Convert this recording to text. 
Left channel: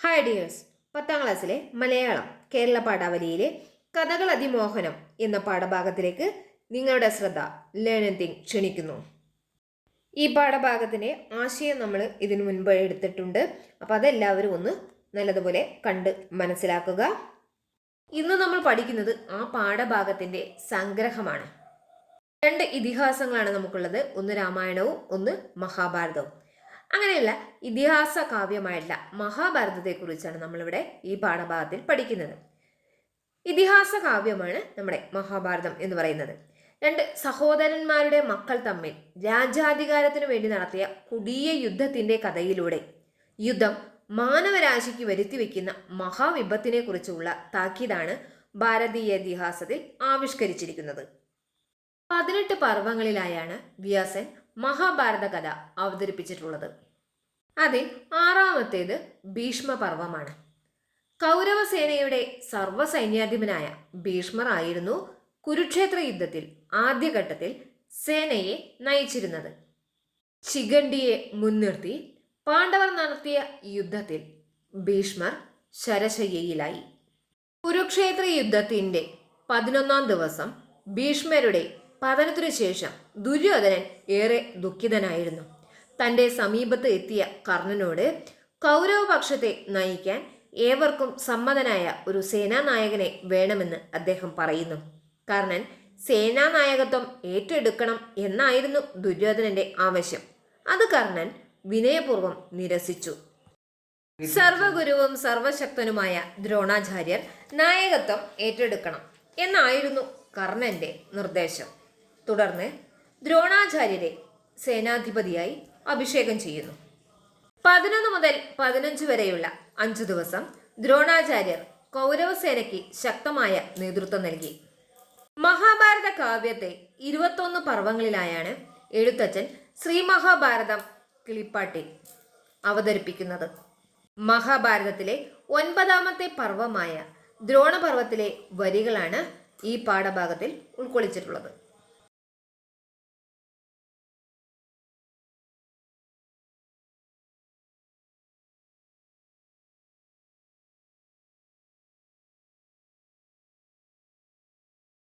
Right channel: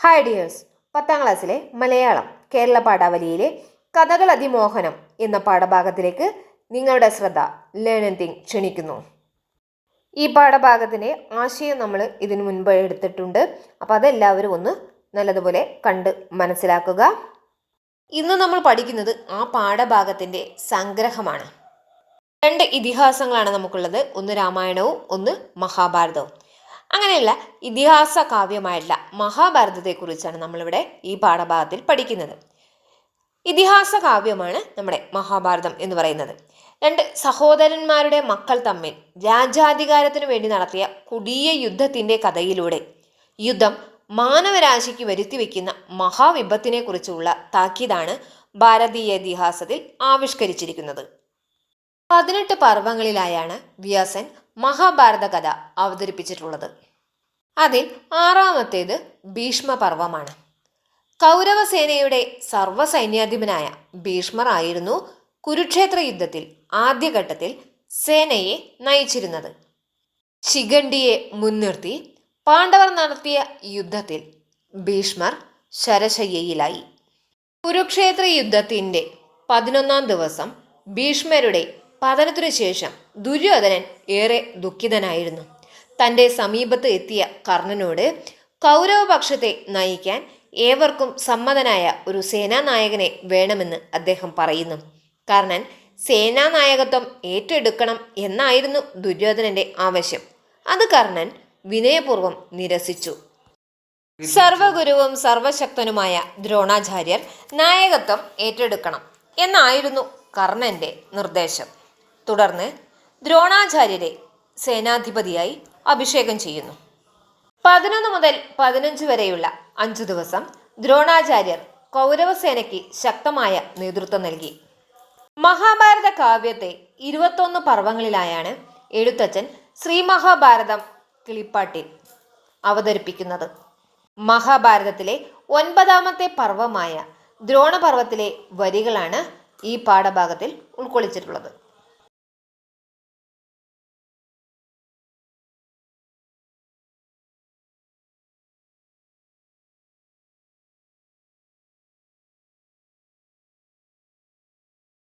Hi dears പത്താം ക്ലാസ്സിലെ മലയാളം കേരള പാഠാവലിയിലെ കഥകൾ അതിമോഹനം എന്ന പാഠഭാഗത്തിലേക്ക് നിങ്ങളുടെ ശ്രദ്ധ ലേണിംഗ് തിങ് ക്ഷണിക്കുന്നു. ഈ പാഠഭാഗത്തിന്റെ ആശയം നമ്മൾ ഇതിനു മുൻപ് എടുത്തിട്ടുണ്ട്. അപ്പോൾ അതെല്ലാവരും ഒന്ന് നല്ലതുപോലെ കണ്ട് മനസ്സിലാക്കുക. ഇന്ന് നമ്മൾ പഠിക്കുന്നത് ആ പാഠഭാഗത്തിന്റെ സംഗ്രഹമാണ്. രണ്ട് ഇതിഹാസങ്ങളാണ് നമുക്കുള്ളത്. ഒന്ന് രാമായണവും ഒന്ന് മഹാഭാരതവും. അങ്ങനെയുള്ള ഇതിഹാസ കാവ്യമായിട്ടുള്ള മഹാഭാരതത്തെക്കുറിച്ചാണ് നമ്മളിവിടെ ഈ പാഠഭാഗത്തിൽ പഠിക്കുന്നത്. ഇതിഹാസ കാവ്യമാണ് നമ്മുടെ മഹാഭാരതം എന്ന് പറയുന്നത്. രണ്ട് സഹോദരന്മാരുടെ മക്കൾ തമ്മിൽ രാജാധികാരത്തിനു വേണ്ടി നടത്തിയ കുടിയ യുദ്ധത്തിന്റെ കഥയിലൂടെ യുദ്ധം മാനവരാശിക്ക് വരുത്തിവെക്കുന്ന മഹാവിപത്തിനെ കുറിച്ചുള്ള താക്കീതാണ് ഭാരതീയ ഇതിഹാസത്തിൽ ആവിഷ്കരിച്ചിരിക്കുന്നത്. പതിനെട്ട് പർവങ്ങളിലായാണ് വ്യാസൻ മഹാഭാരത കഥ അവതരിപ്പിച്ചിട്ടുള്ളത്. അതിൽ ആറാമത്തേത് ഭീഷ്മപർവമാണ്. കൗരവസേനയുടെ സർവസൈന്യാധിപനായ ഭീഷ്മർ ആയിരുന്നു കുരുക്ഷേത്ര യുദ്ധത്തിൽ ആദ്യഘട്ടത്തിൽ സേനയെ നയിച്ചിരുന്നത്. ശിഖണ്ഡിയെ മുൻനിർത്തി പാണ്ഡവർ നടത്തിയ യുദ്ധത്തിൽ ഭീഷ്മർ ശരശയ്യയിലായി. കുരുക്ഷേത്ര യുദ്ധത്തിന്റെ പതിനൊന്നാം ദിവസം ഭീഷ്മരുടെ പതനത്തിനു ശേഷം ദുര്യോധനൻ ഏറെ ദുഃഖിതനായിരുന്നു. തന്റെ സമീപത്ത് എത്തിയ കർണനോട് കൗരവപക്ഷത്തെ നയിക്കാൻ ഏവർക്കും സമ്മതനായ ഒരു സേനാനായകനെ വേണമെന്ന് അദ്ദേഹം പറയുന്നു. കർണൻ സേനാനായകത്വം ഏറ്റെടുക്കണം എന്നായിരുന്നു ദുര്യോധനന്റെ ആവശ്യം. അത് കർണൻ വിനയപൂർവം നിരസിച്ചു. സർവഗുരുവും സർവശക്തനുമായ ദ്രോണാചാര്യർ നായകത്വം ഏറ്റെടുക്കണം എന്നായിരുന്നു കർണന്റെ നിർദ്ദേശം. തുടർന്ന് ദ്രോണാചാര്യരെ സേനാധിപതിയായി അഭിഷേകം ചെയ്യുന്നു. പതിനൊന്ന് മുതൽ പതിനഞ്ച് വരെയുള്ള അഞ്ചു ദിവസം ദ്രോണാചാര്യർ കൗരവസേനയ്ക്ക് ശക്തമായ നേതൃത്വം നൽകി. മഹാഭാരത കാവ്യത്തെ ഇരുപത്തൊന്ന് പർവങ്ങളിലായാണ് എഴുത്തച്ഛൻ ശ്രീ മഹാഭാരതം കിളിപ്പാട്ടിൽ അവതരിപ്പിക്കുന്നത്. മഹാഭാരതത്തിലെ ഒൻപതാമത്തെ പർവമായ ദ്രോണപർവത്തിലെ വരികളാണ് ഈ പാഠഭാഗത്തിൽ ഉൾക്കൊള്ളിച്ചിട്ടുള്ളത്.